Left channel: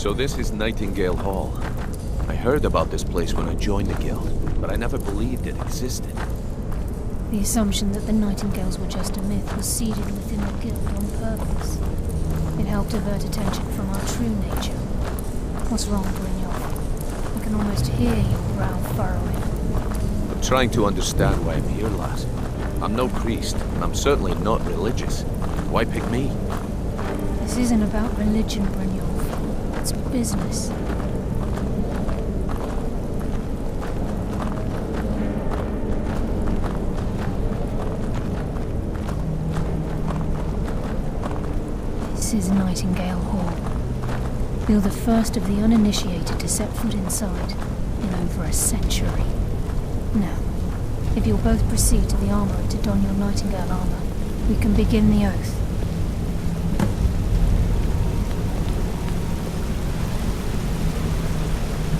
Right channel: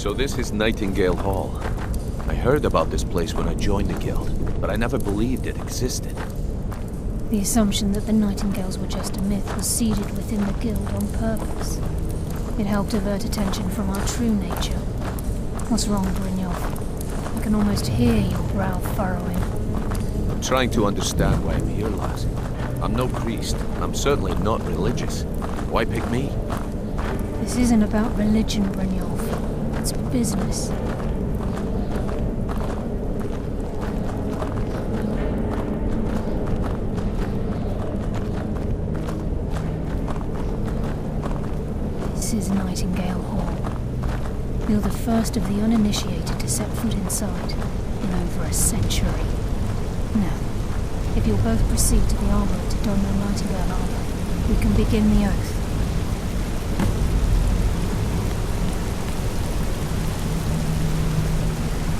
So this is Nightingale Hall. I heard about this place when I joined the guild, but I never believed it existed. The assumption that the Nightingales were just a myth was seeded within the guild on purpose. It helped divert attention from our true nature. What's wrong, Brynjolf? I can almost hear your brow furrowing. I'm trying to understand why I'm here, lass. I'm no priest, and I'm certainly not religious. Why pick me? This isn't about religion, Brynjolf. It's business. This is Nightingale Hall. You're the first of the uninitiated to set foot inside in over a century. Now, if you'll both proceed to the armorer to don your Nightingale armor, we can begin the oath.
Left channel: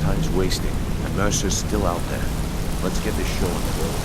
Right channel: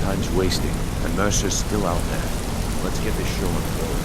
Time's wasting, and Mercer's still out there. Let's get this show on the road.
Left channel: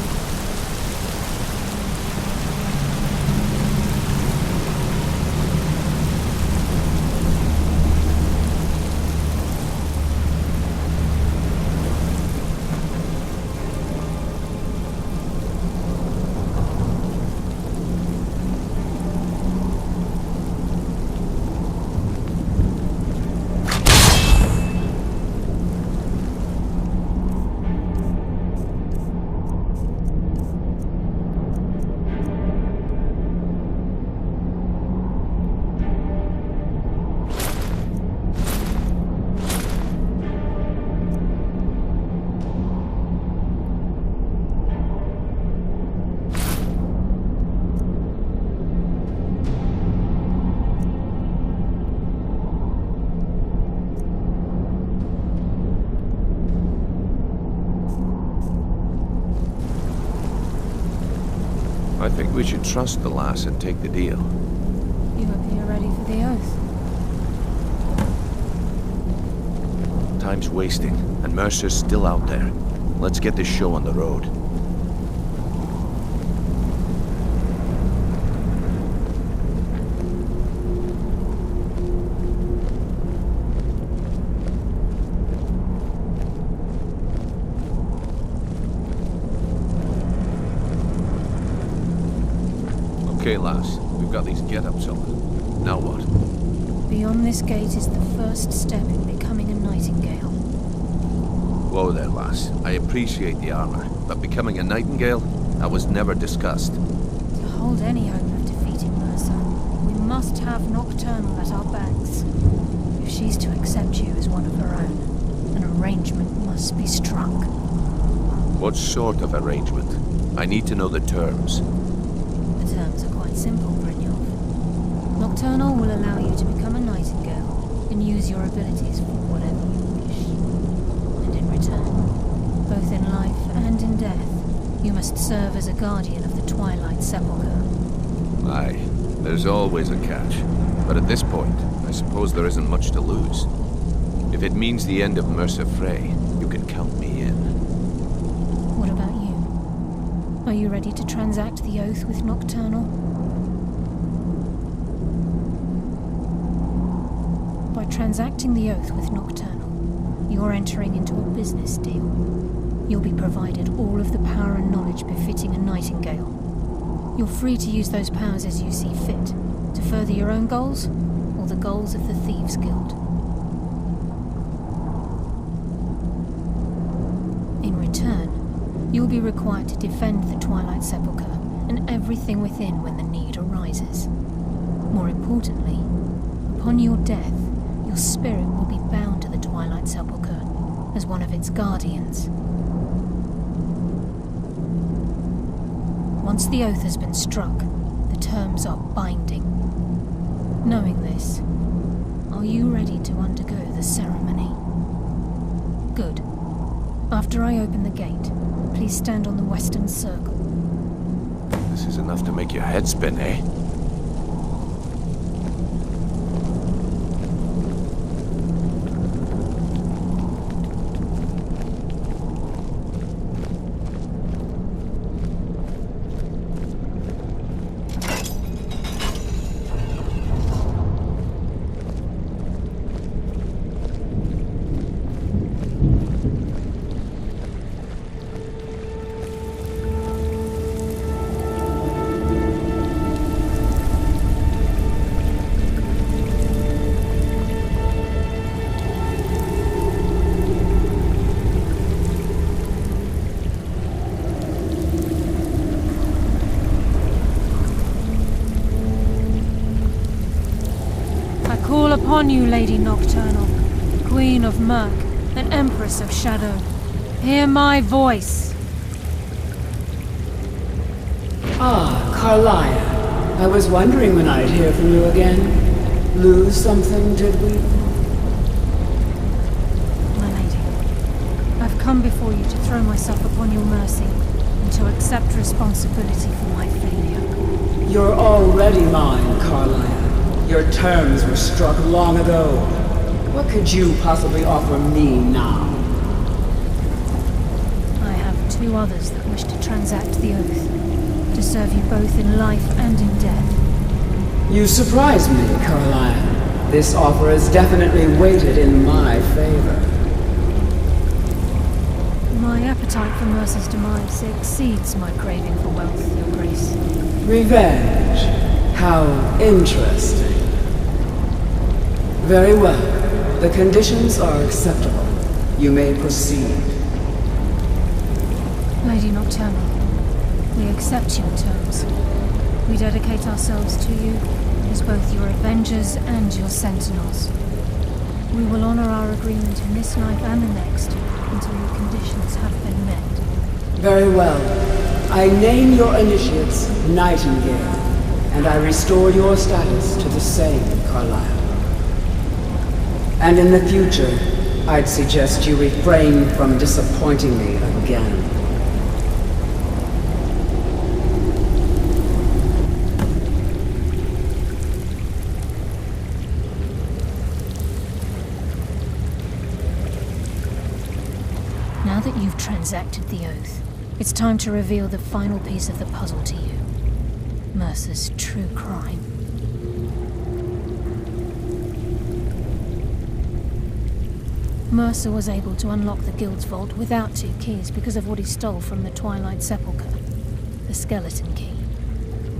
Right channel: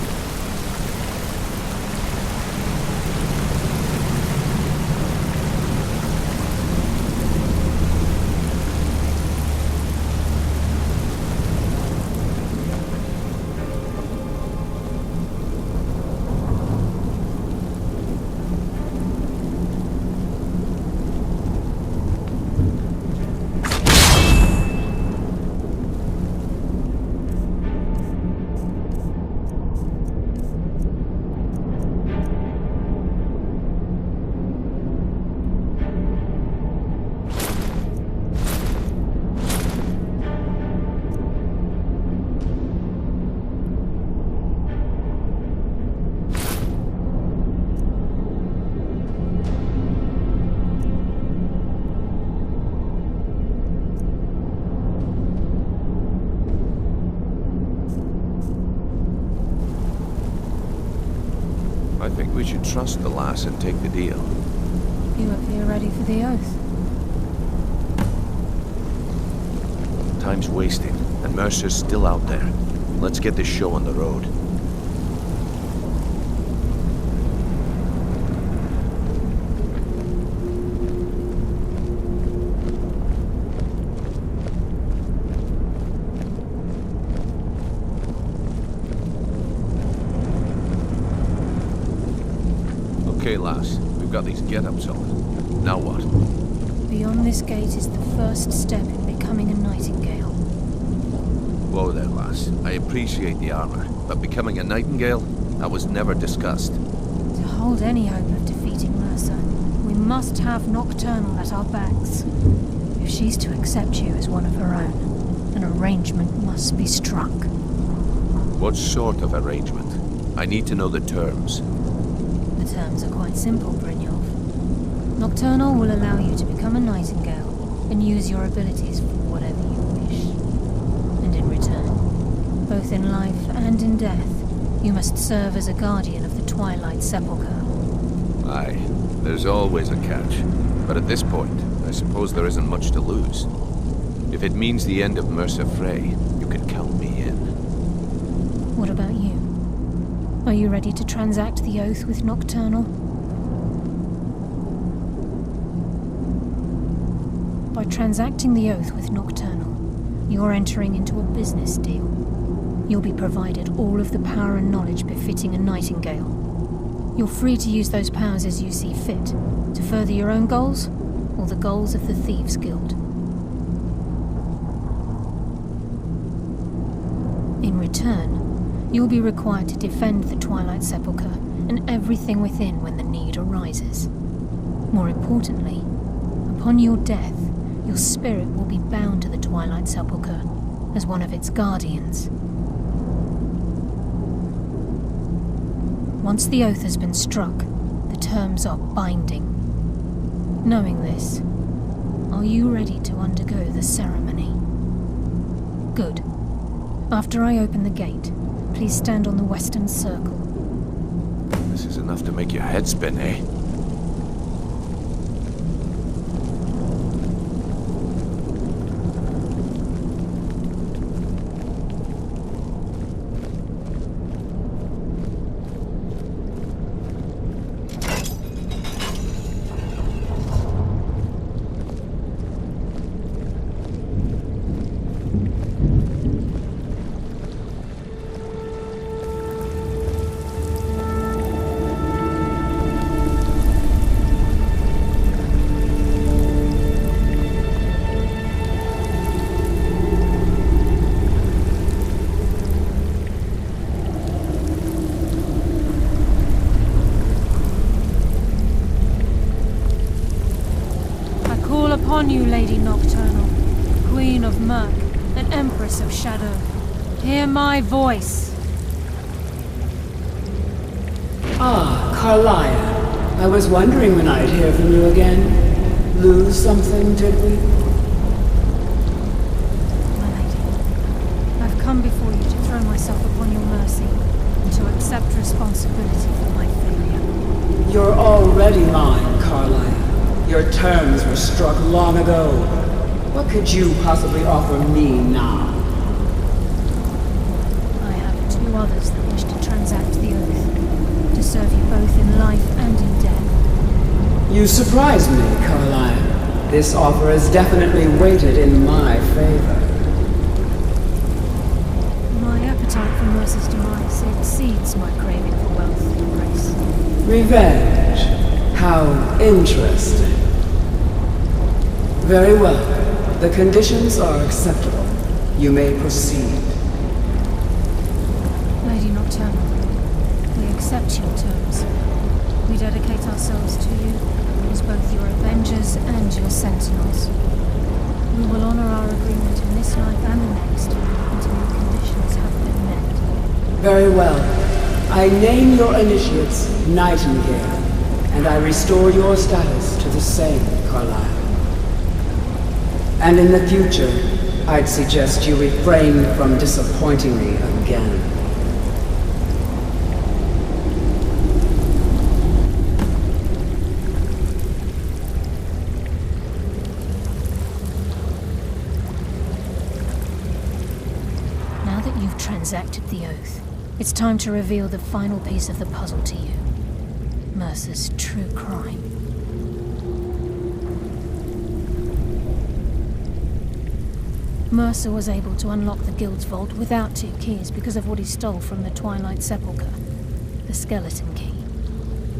I think we should trust the lass and take the deal. You appear ready for the oath. Time's wasting, and Mercer's still out there. Let's get this show on the road. Okay, lass. We've got these get-ups on. Now what? Beyond this gate is the first step in becoming a Nightingale. Whoa there, lass. I appreciate the armor, but becoming a Nightingale? That was never discussed. To hold any hope of defeating Mercer, we must have Nocturnal at our backs. If she's to accept you as one of her own, an arrangement must be struck. What sort of arrangement? I need to know the terms. The terms are quite simple, Brynjolf. Nocturnal will allow you to become a Nightingale and use your abilities for whatever you wish. And in return, both in life and in death, you must serve as a guardian of the Twilight Sepulchre. Aye, there's always a catch. But at this point, I suppose there isn't much to lose. If it means the end of Mercer Frey, you can count me in. What about you? Are you ready to transact the oath with Nocturnal? By transacting the oath with Nocturnal, you're entering into a business deal. You'll be provided all of the power and knowledge befitting a Nightingale. You're free to use those powers as you see fit, to further your own goals, or the goals of the Thieves' Guild. In return, you'll be required to defend the Twilight Sepulchre and everything within when the need arises. More importantly, upon your death, your spirit will be bound to the Twilight Sepulchre as one of its guardians. Once the oath has been struck, the terms are binding. Knowing this, are you ready to undergo the ceremony? Good. After I open the gate, please stand on the western circle. This is enough to make your head spin, eh? upon you, Lady Nocturnal, Queen of Murk and Empress of Shadow. Hear my voice. Ah, Karliah. I was wondering when I'd hear from you again. Lose something, did we? My lady, I've come before you to throw myself upon your mercy and to accept responsibility for my failure. You're already mine, Karliah. Your terms were struck long ago. What could you possibly offer me now? I have two others that wish to transact the oath, to serve you both in life and in death. You surprise me, Karliah. This offer is definitely weighted in my favor. My appetite for Mercer's demise exceeds my craving for wealth, Your Grace. Revenge. How interesting. Very well. The conditions are acceptable. You may proceed. Lady Nocturnal, we accept your terms. We dedicate ourselves to you as both your avengers and your sentinels. We will honor our agreement in this life and the next until your conditions have been met. Very well. I name your initiates Nightingale, and I restore your status to the same, Karliah. And in the future, I'd suggest you refrain from disappointing me again. Now that you've transacted the oath, it's time to reveal the final piece of the puzzle to you. Mercer's true crime. Mercer was able to unlock the Guild's vault without 2 keys because of what he stole from the Twilight Sepulchre, the skeleton key.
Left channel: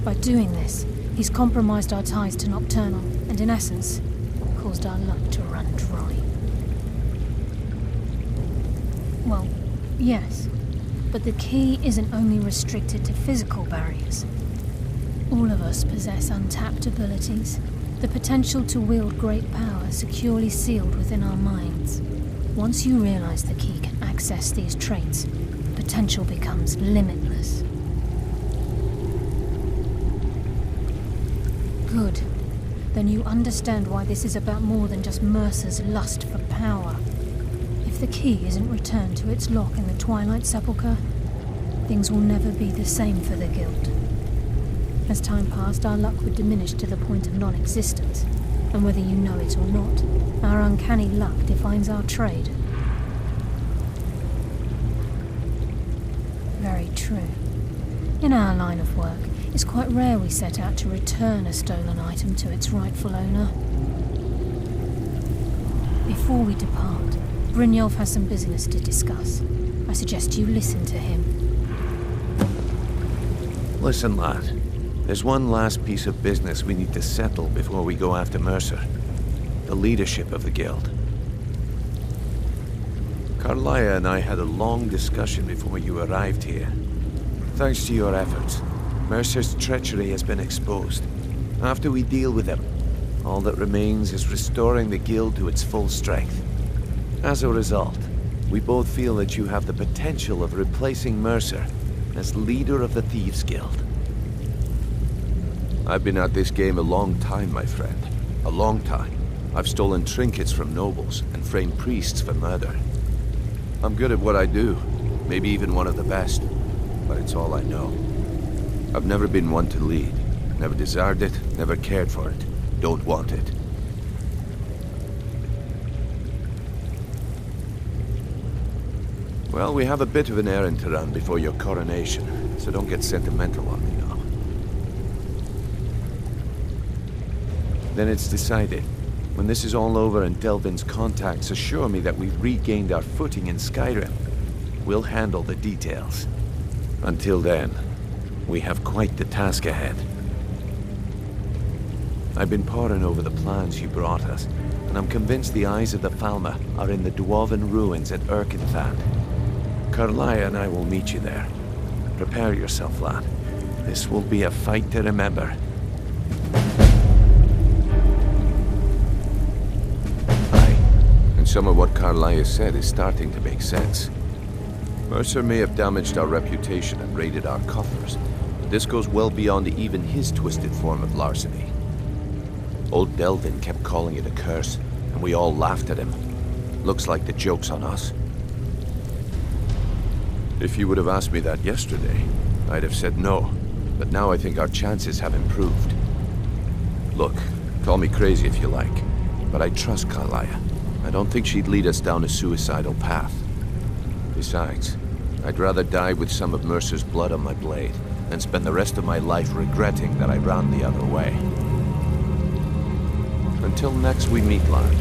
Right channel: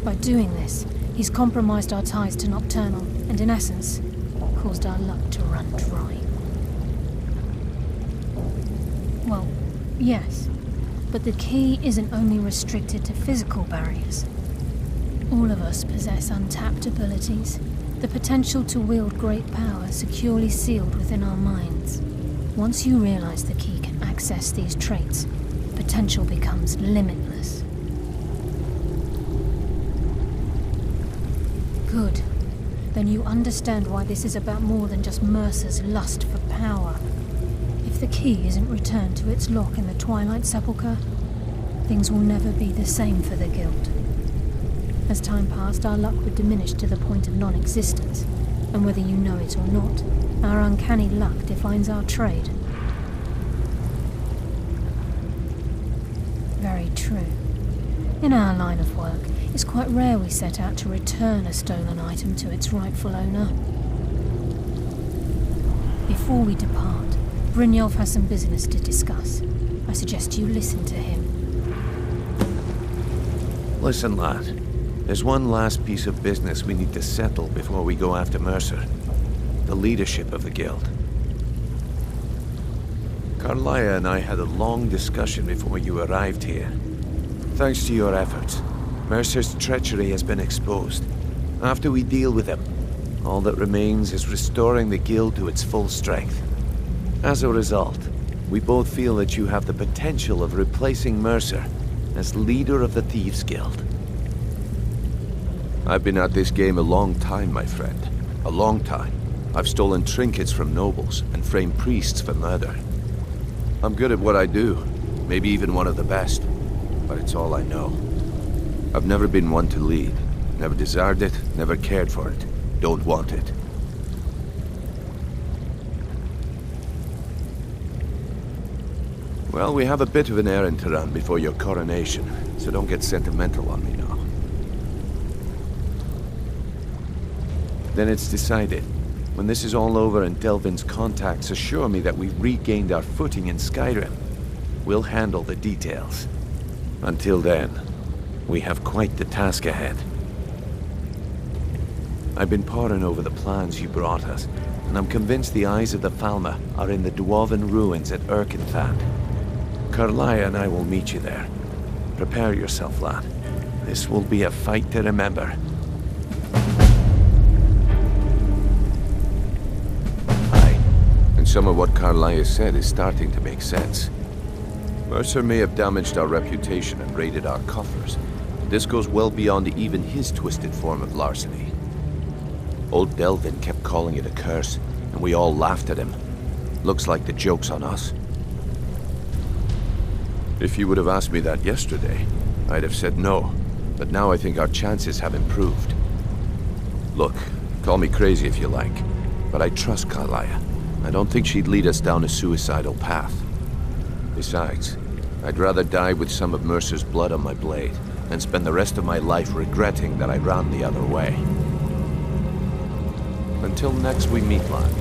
By doing this, he's compromised our ties to Nocturnal, and in essence, caused our luck to run dry. Well, yes, but the key isn't only restricted to physical barriers. All of us possess untapped abilities, the potential to wield great power securely sealed within our minds. Once you realize the key can access these traits, potential becomes limitless. Good. Then you understand why this is about more than just Mercer's lust for power. If the key isn't returned to its lock in the Twilight Sepulchre, things will never be the same for the Guild. As time passed, our luck would diminish to the point of non-existence, and whether you know it or not, our uncanny luck defines our trade. Very true. In our line of work, it's quite rare we set out to return a stolen item to its rightful owner. Before we depart, Brynjolf has some business to discuss. I suggest you listen to him. Listen, lad. There's one last piece of business we need to settle before we go after Mercer. The leadership of the Guild. Karliah and I had a long discussion before you arrived here. Thanks to your efforts, Mercer's treachery has been exposed. After we deal with him, all that remains is restoring the Guild to its full strength. As a result, we both feel that you have the potential of replacing Mercer as leader of the Thieves Guild. I've been at this game a long time, my friend. A long time. I've stolen trinkets from nobles and framed priests for murder. I'm good at what I do, maybe even one of the best, but it's all I know. I've never been one to lead. Never desired it, never cared for it. Don't want it. Well, we have a bit of an errand to run before your coronation, so don't get sentimental on me now. Then it's decided. When this is all over and Delvin's contacts assure me that we've regained our footing in Skyrim, we'll handle the details. Until then, we have quite the task ahead. I've been poring over the plans you brought us, and I'm convinced the eyes of the Falmer are in the Dwarven ruins at Erkenthand. Karliah and I will meet you there. Prepare yourself, lad. This will be a fight to remember. some of what Carlia said is starting to make sense. Mercer may have damaged our reputation and raided our coffers, but this goes well beyond even his twisted form of larceny. Old Delvin kept calling it a curse, and we all laughed at him. Looks like the joke's on us. If you would have asked me that yesterday, I'd have said no, but now I think our chances have improved. Look, call me crazy if you like, but I trust Carlia. I don't think she'd lead us down a suicidal path. Besides, I'd rather die with some of Mercer's blood on my blade than spend the rest of my life regretting that I ran the other way. Until next we meet, lad.